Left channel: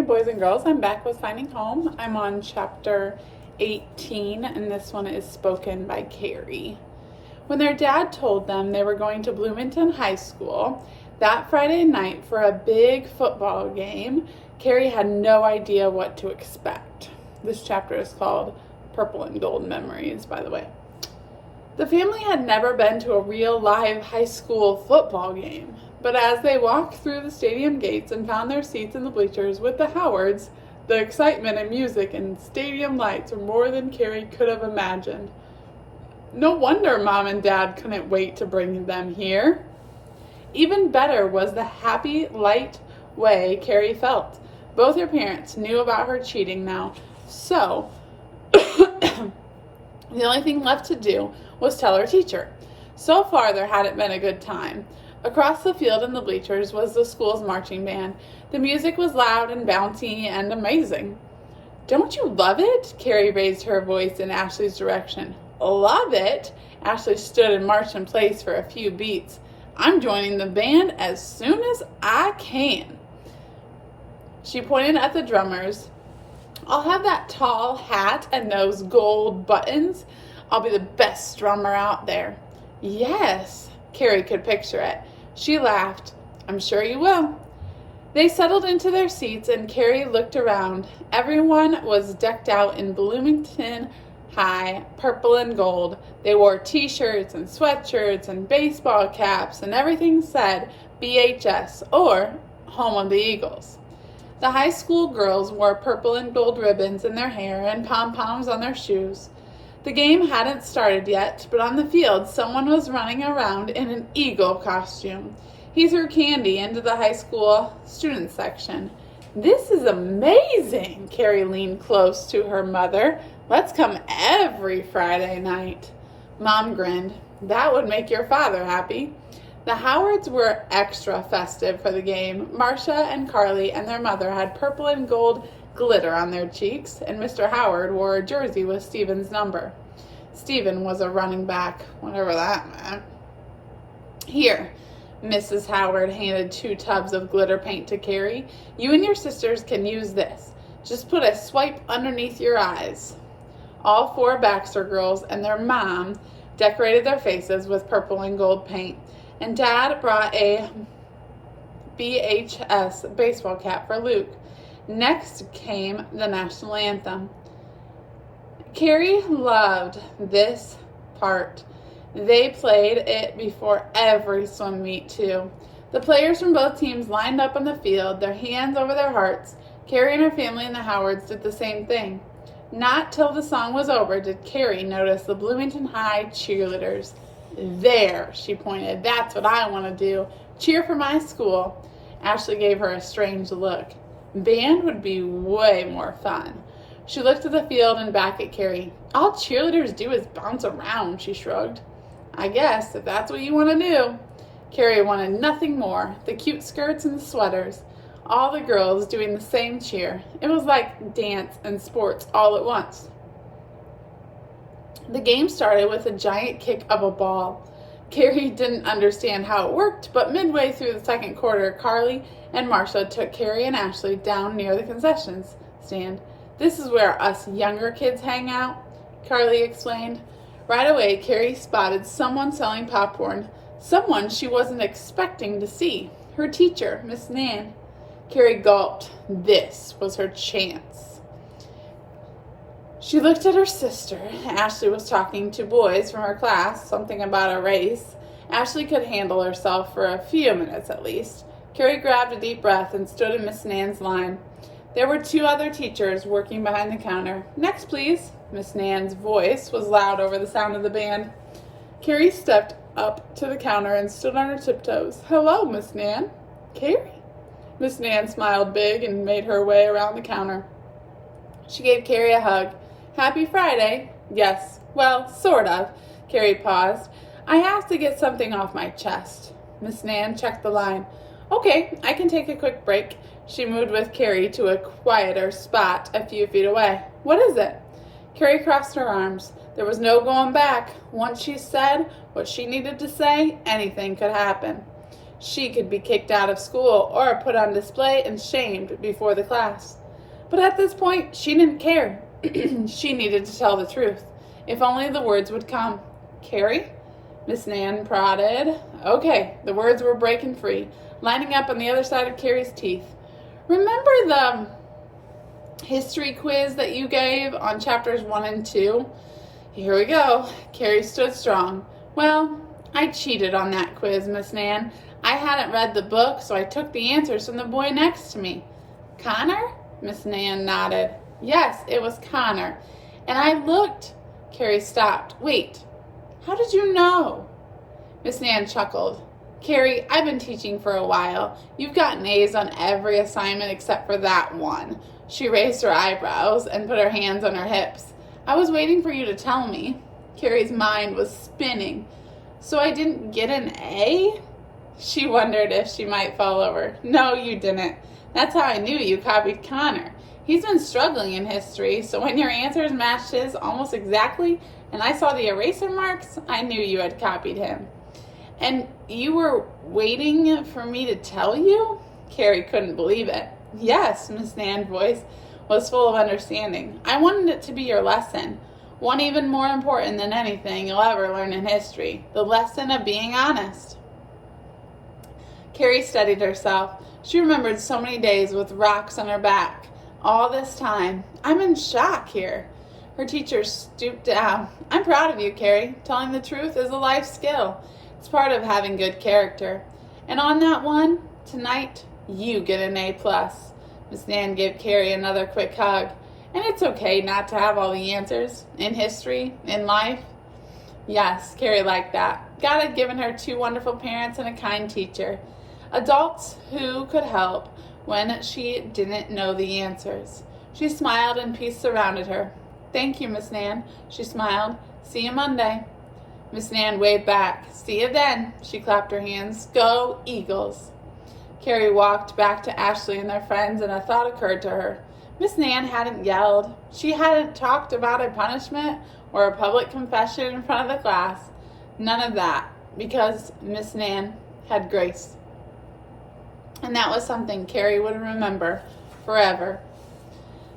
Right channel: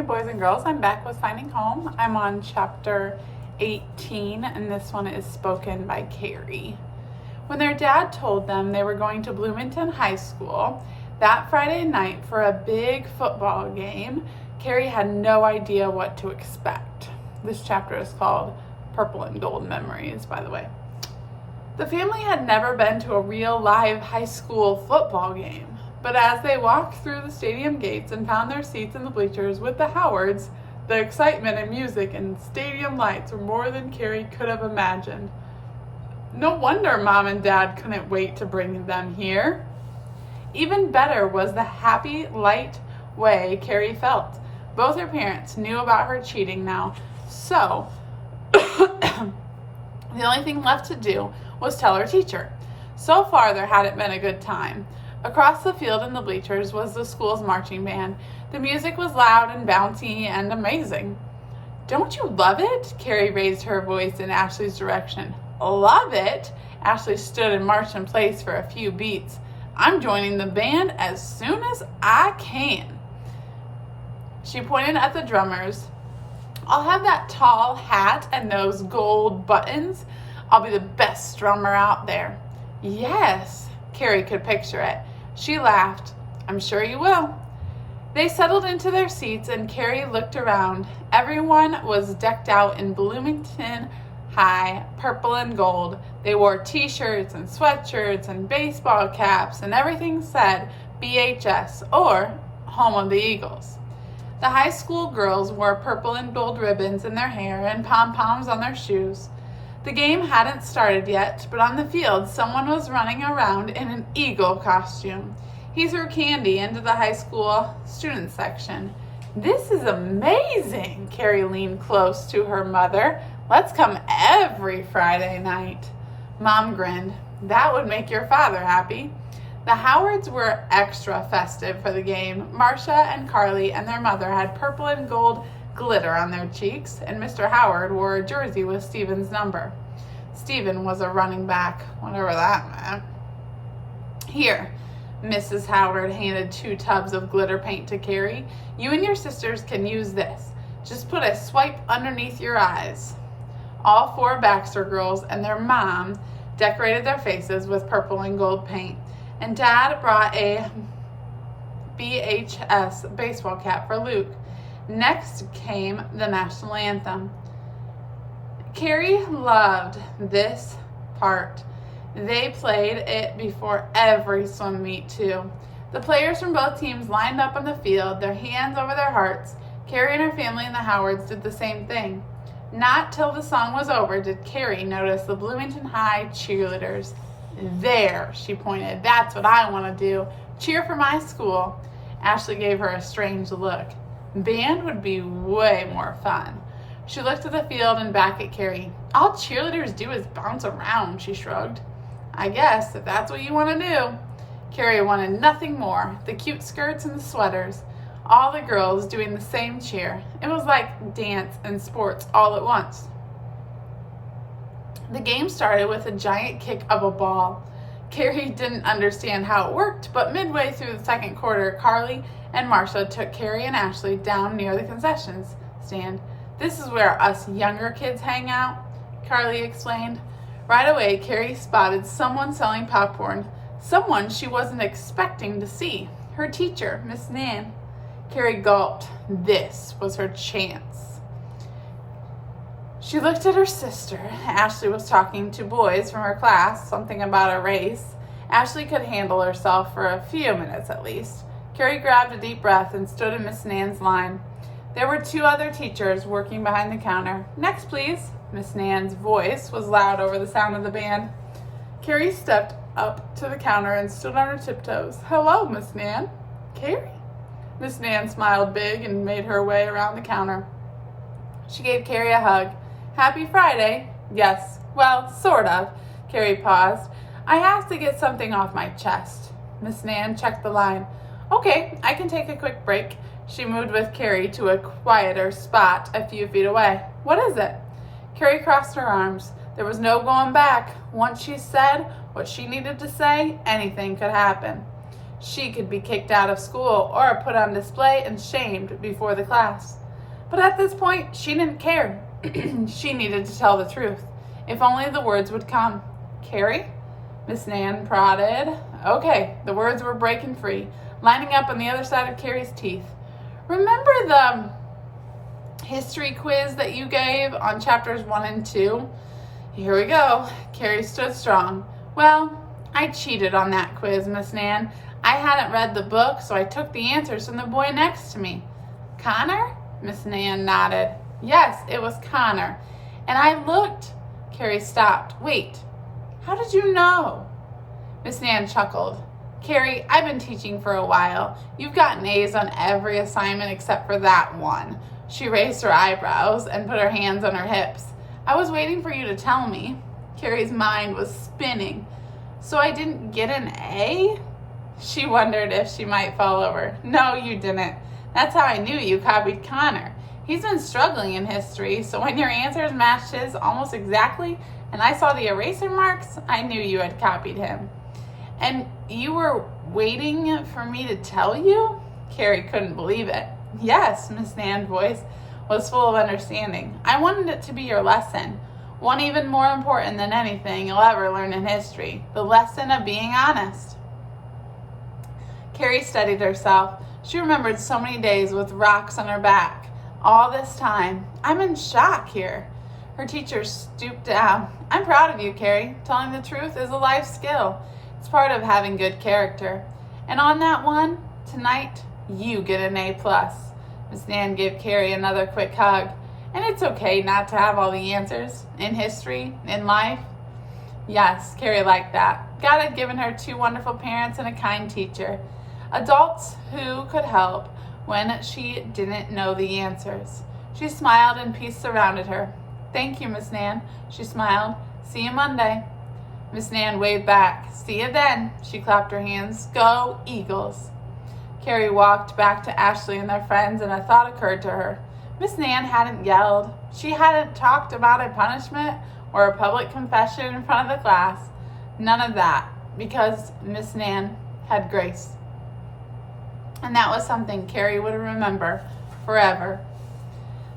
Hey boys and girls, I'm back with Finding Home. I'm on chapter 18 and this one is spoken by Carrie. When their dad told them they were going to Bloomington High School that Friday night for a big football game, Carrie had no idea what to expect. This chapter is called Purple and Gold Memories, by the way. The family had never been to a real live high school football game. But as they walked through the stadium gates and found their seats in the bleachers with the Howards, the excitement and music and stadium lights were more than Carrie could have imagined. No wonder Mom and Dad couldn't wait to bring them here. Even better was the happy, light way Carrie felt. Both her parents knew about her cheating now, so the only thing left to do was tell her teacher. So far, there hadn't been a good time. Across the field in the bleachers was the school's marching band. The music was loud and bouncy and amazing. "Don't you love it?" Carrie raised her voice in Ashley's direction. "Love it?" Ashley stood and marched in place for a few beats. "I'm joining the band as soon as I can." She pointed at the drummers. "I'll have that tall hat and those gold buttons. I'll be the best drummer out there." "Yes," Carrie could picture it. She laughed. "I'm sure you will." They settled into their seats and Carrie looked around. Everyone was decked out in Bloomington High, purple and gold. They wore t-shirts and sweatshirts and baseball caps, and everything said BHS, or Home of the Eagles. The high school girls wore purple and gold ribbons in their hair and pom-poms on their shoes. The game hadn't started yet, but on the field, someone was running around in an eagle costume. He threw candy into the high school student section. "This is amazing!" Carrie leaned close to her mother. "Let's come every Friday night." Mom grinned. "That would make your father happy." The Howards were extra festive for the game. Marcia and Carly and their mother had purple and gold glitter on their cheeks, and Mr. Howard wore a jersey with Stephen's number. Stephen was a running back, whatever that meant. "Here," Mrs. Howard handed 2 tubs of glitter paint to Carrie. "You and your sisters can use this. Just put a swipe underneath your eyes." All 4 Baxter girls and their mom decorated their faces with purple and gold paint, and Dad brought a BHS baseball cap for Luke. Next came the national anthem. Carrie loved this part. They played it before every swim meet, too. The players from both teams lined up on the field, their hands over their hearts. Carrie and her family and the Howards did the same thing. Not till the song was over did Carrie notice the Bloomington High cheerleaders. "There," she pointed. "That's what I want to do. Cheer for my school." Ashley gave her a strange look. Band would be way more fun. She looked at the field and back at Carrie. "All cheerleaders do is bounce around," she shrugged. "I guess, if that's what you want to do." Carrie wanted nothing more. The cute skirts and the sweaters. All the girls doing the same cheer. It was like dance and sports all at once. The game started with a giant kick of a ball. Carrie didn't understand how it worked, but midway through the second quarter, Carly and Marcia took Carrie and Ashley down near the concessions stand. "This is where us younger kids hang out," Carly explained. Right away, Carrie spotted someone selling popcorn, someone she wasn't expecting to see. Her teacher, Miss Nan. Carrie gulped. This was her chance. She looked at her sister. Ashley was talking to boys from her class, something about a race. Ashley could handle herself for a few minutes at least. Carrie grabbed a deep breath and stood in Miss Nan's line. There were 2 other teachers working behind the counter. "Next, please." Miss Nan's voice was loud over the sound of the band. Carrie stepped up to the counter and stood on her tiptoes. "Hello, Miss Nan." "Carrie?" Miss Nan smiled big and made her way around the counter. She gave Carrie a hug. "Happy Friday." "Yes, well, sort of." Carrie paused. "I have to get something off my chest." Miss Nan checked the line. "Okay, I can take a quick break." She moved with Carrie to a quieter spot a few feet away. "What is it?" Carrie crossed her arms. There was no going back. Once she said what she needed to say, anything could happen. She could be kicked out of school or put on display and shamed before the class. But at this point, she didn't care. She needed to tell the truth. If only the words would come. Carrie? Miss Nan prodded. Okay, the words were breaking free, lining up on the other side of Carrie's teeth. Remember the history quiz that you gave on chapters 1 and 2? Here we go. Carrie stood strong. Well, I cheated on that quiz, Miss Nan. I hadn't read the book, so I took the answers from the boy next to me. Connor? Miss Nan nodded. Yes, it was Connor. And I looked. Carrie stopped. Wait, how did you know? Miss Nan chuckled. Carrie, I've been teaching for a while. You've gotten A's on every assignment except for that one. She raised her eyebrows and put her hands on her hips. I was waiting for you to tell me. Carrie's mind was spinning. So I didn't get an A? She wondered if she might fall over. No, you didn't. That's how I knew you copied Connor. He's been struggling in history, so when your answers matched his almost exactly, and I saw the eraser marks, I knew you had copied him. And you were waiting for me to tell you? Carrie couldn't believe it. Yes, Miss Nan's voice was full of understanding. I wanted it to be your lesson, one even more important than anything you'll ever learn in history, the lesson of being honest. Carrie steadied herself. She remembered so many days with rocks on her back. All this time, I'm in shock here. Her teacher stooped down. I'm proud of you, Carrie. Telling the truth is a life skill. It's part of having good character. And on that one, tonight, you get an A+. Miss Nan gave Carrie another quick hug. And it's okay not to have all the answers in history, in life. Yes, Carrie liked that. God had given her 2 wonderful parents and a kind teacher. Adults who could help when she didn't know the answers. She smiled and peace surrounded her. Thank you, Miss Nan, she smiled. See you Monday. Miss Nan waved back. See you then. She clapped her hands. Go Eagles. Carrie walked back to Ashley and their friends, and a thought occurred to her. Miss Nan hadn't yelled. She hadn't talked about a punishment or a public confession in front of the class. None of that, because Miss Nan had grace. And that was something Carrie would remember forever.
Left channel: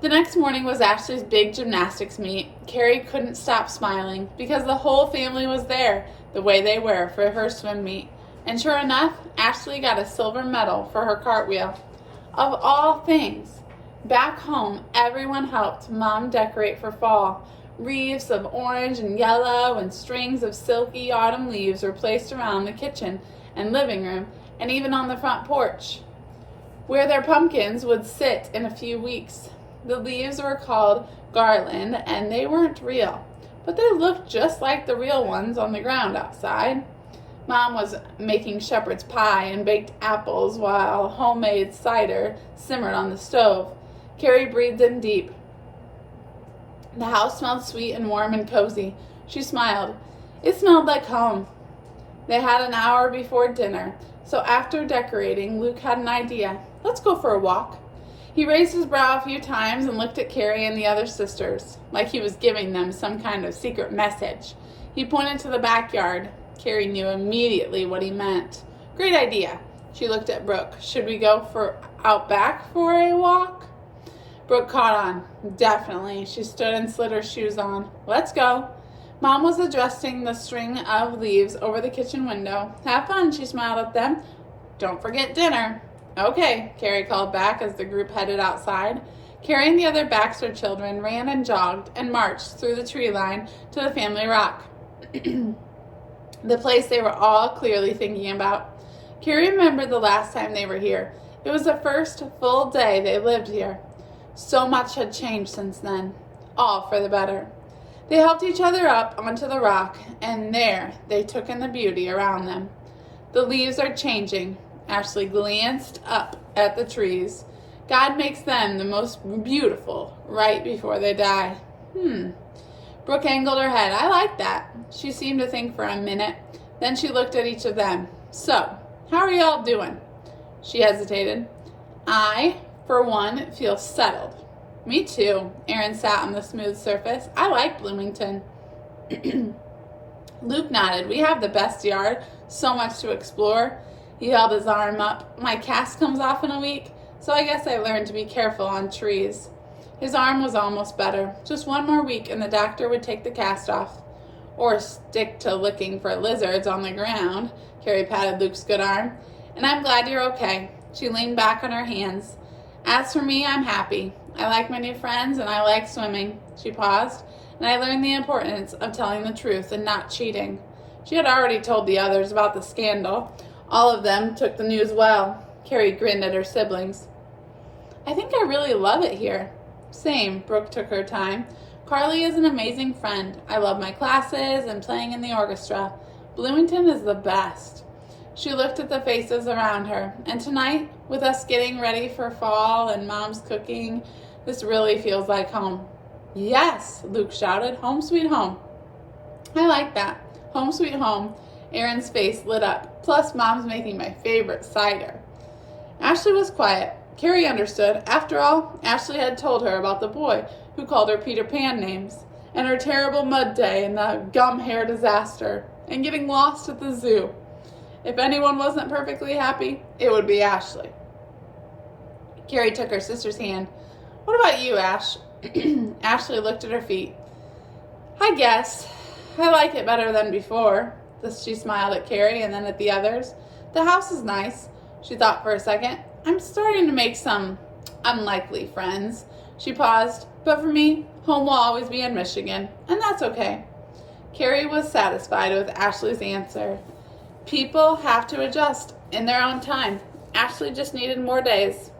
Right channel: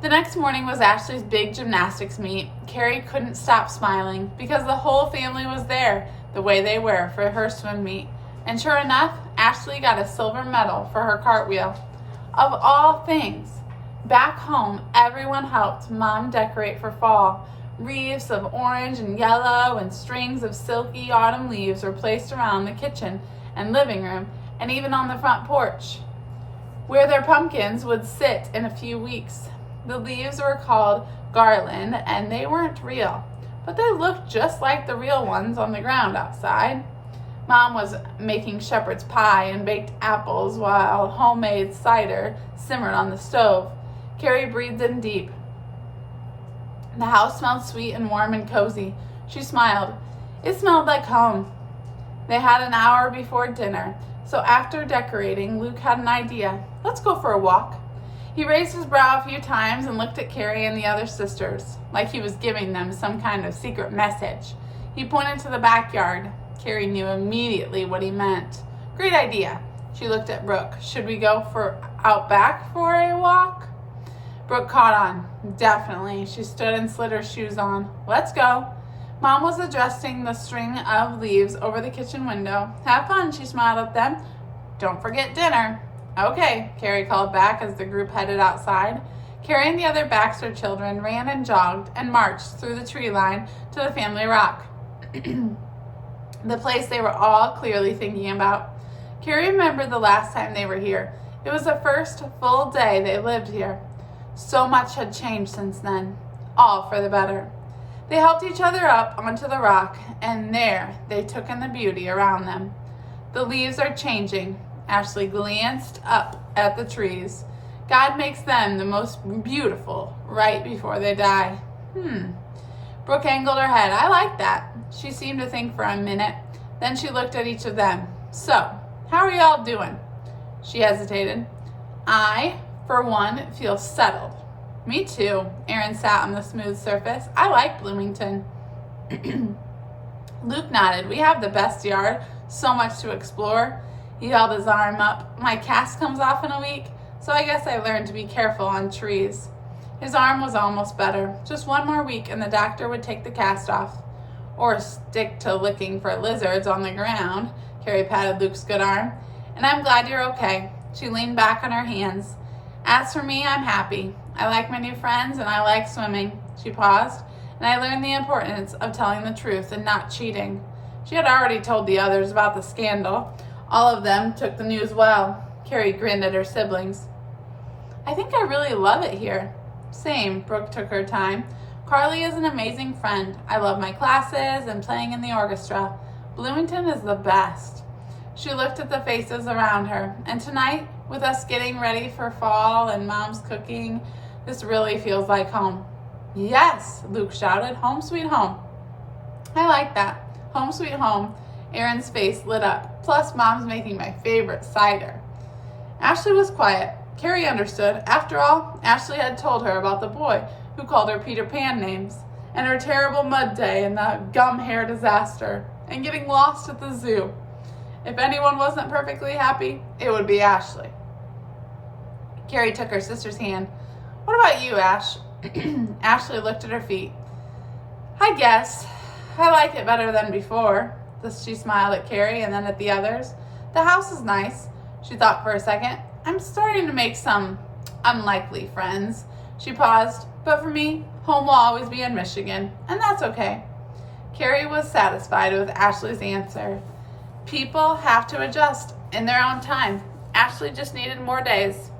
The next morning was Ashley's big gymnastics meet. Carrie couldn't stop smiling because the whole family was there, the way they were for her swim meet. And sure enough, Ashley got a silver medal for her cartwheel. Of all things, back home, everyone helped Mom decorate for fall. Wreaths of orange and yellow and strings of silky autumn leaves were placed around the kitchen and living room, and even on the front porch, where their pumpkins would sit in a few weeks. The leaves were called garland, and they weren't real, but they looked just like the real ones on the ground outside. Mom was making shepherd's pie and baked apples while homemade cider simmered on the stove. Carrie breathed in deep. The house smelled sweet and warm and cozy. She smiled. It smelled like home. They had an hour before dinner. So after decorating, Luke had an idea. Let's go for a walk. He raised his brow a few times and looked at Carrie and the other sisters, like he was giving them some kind of secret message. He pointed to the backyard. Carrie knew immediately what he meant. Great idea. She looked at Brooke. Should we go out back for a walk? Brooke caught on. Definitely. She stood and slid her shoes on. Let's go. Mom was adjusting the string of leaves over the kitchen window. Have fun, she smiled at them. Don't forget dinner. Okay, Carrie called back as the group headed outside. Carrie and the other Baxter children ran and jogged and marched through the tree line to the family rock, the place they were all clearly thinking about. Carrie remembered the last time they were here. It was the first full day they lived here. So much had changed since then, all for the better. They helped each other up onto the rock, and there they took in the beauty around them. The leaves are changing. Ashley glanced up at the trees. God makes them the most beautiful right before they die. Brooke angled her head. I like that. She seemed to think for a minute. Then she looked at each of them. So, how are y'all doing? She hesitated. I, for one, feel settled. Me too. Aaron sat on the smooth surface. I like Bloomington. Luke nodded. We have the best yard. So much to explore. He held his arm up. My cast comes off in a week, so I guess I learned to be careful on trees. His arm was almost better. Just one more week and the doctor would take the cast off. Or stick to looking for lizards on the ground. Carrie patted Luke's good arm. And I'm glad you're okay. She leaned back on her hands. As for me, I'm happy. I like my new friends and I like swimming. She paused, and I learned the importance of telling the truth and not cheating. She had already told the others about the scandal. All of them took the news well. Carrie grinned at her siblings. I think I really love it here. Same, Brooke took her time. Carly is an amazing friend. I love my classes and playing in the orchestra. Bloomington is the best. She looked at the faces around her. And tonight, with us getting ready for fall and Mom's cooking, this really feels like home. Yes, Luke shouted. Home sweet home. I like that. Home sweet home. Aaron's face lit up. Plus, Mom's making my favorite cider. Ashley was quiet. Carrie understood. After all, Ashley had told her about the boy who called her Peter Pan names, and her terrible mud day and the gum hair disaster, and getting lost at the zoo. If anyone wasn't perfectly happy, it would be Ashley. Carrie took her sister's hand. What about you, Ash? Ashley looked at her feet. I guess. I like it better than before. She smiled at Carrie and then at the others. The house is nice. She thought for a second. I'm starting to make some unlikely friends. She paused. But for me, home will always be in Michigan, and that's okay. Carrie was satisfied with Ashley's answer. People have to adjust in their own time. Ashley just needed more days.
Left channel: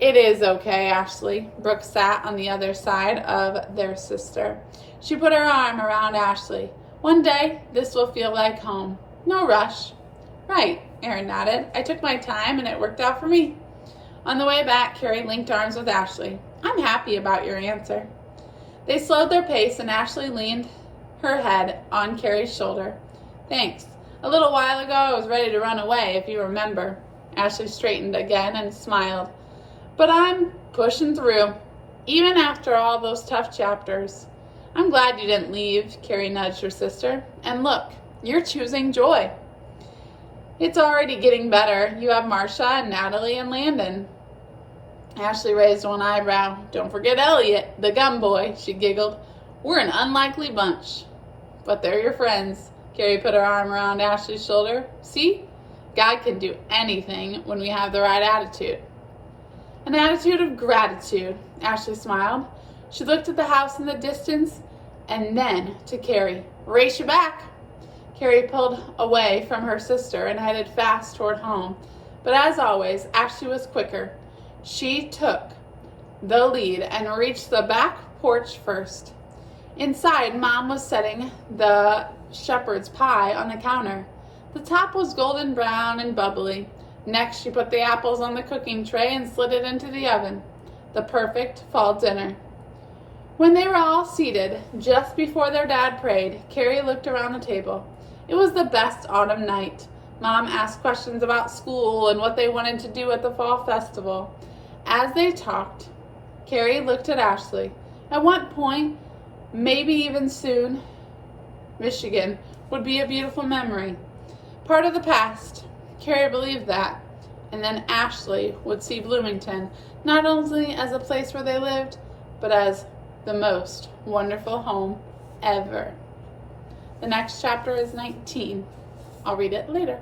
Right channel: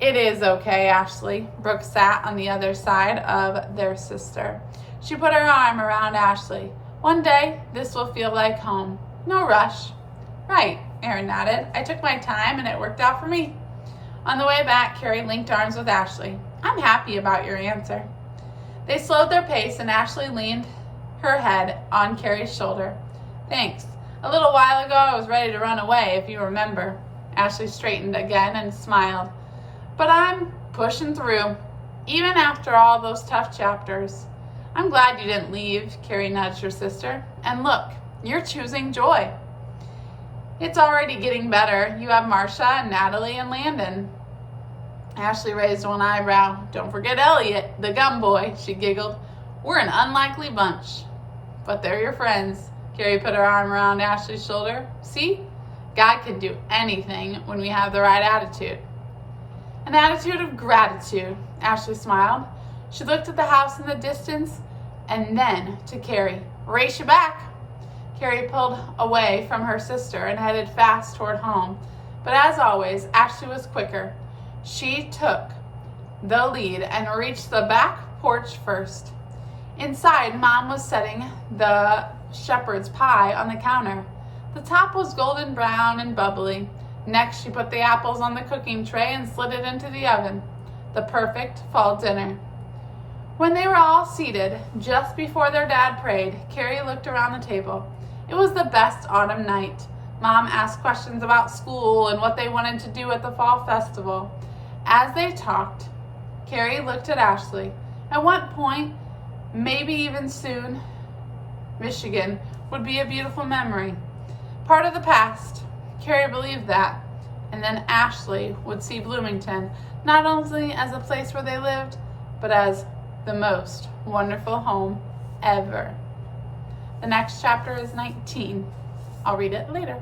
It is okay, Ashley. Brooke sat on the other side of their sister. She put her arm around Ashley. One day, this will feel like home. No rush. Right, Aaron nodded. I took my time and it worked out for me. On the way back, Carrie linked arms with Ashley. I'm happy about your answer. They slowed their pace and Ashley leaned her head on Carrie's shoulder. Thanks. A little while ago, I was ready to run away, if you remember. Ashley straightened again and smiled. But I'm pushing through, even after all those tough chapters. I'm glad you didn't leave, Carrie nudged her sister. And look, you're choosing joy. It's already getting better. You have Marcia and Natalie and Landon. Ashley raised one eyebrow. Don't forget Elliot, the gum boy, she giggled. We're an unlikely bunch. But they're your friends. Carrie put her arm around Ashley's shoulder. See? God can do anything when we have the right attitude. An attitude of gratitude, Ashley smiled. She looked at the house in the distance and then to Carrie. Race you back. Carrie pulled away from her sister and headed fast toward home. But as always, Ashley was quicker. She took the lead and reached the back porch first. Inside, Mom was setting the shepherd's pie on the counter. The top was golden brown and bubbly. Next, she put the apples on the cooking tray and slid it into the oven. The perfect fall dinner. When they were all seated, just before their dad prayed, Carrie looked around the table. It was the best autumn night. Mom asked questions about school and what they wanted to do at the fall festival. As they talked, Carrie looked at Ashley. At one point, maybe even soon, Michigan would be a beautiful memory. Part of the past. Carrie believed that. And then Ashley would see Bloomington not only as a place where they lived, but as the most wonderful home ever. The next chapter is 19. I'll read it later.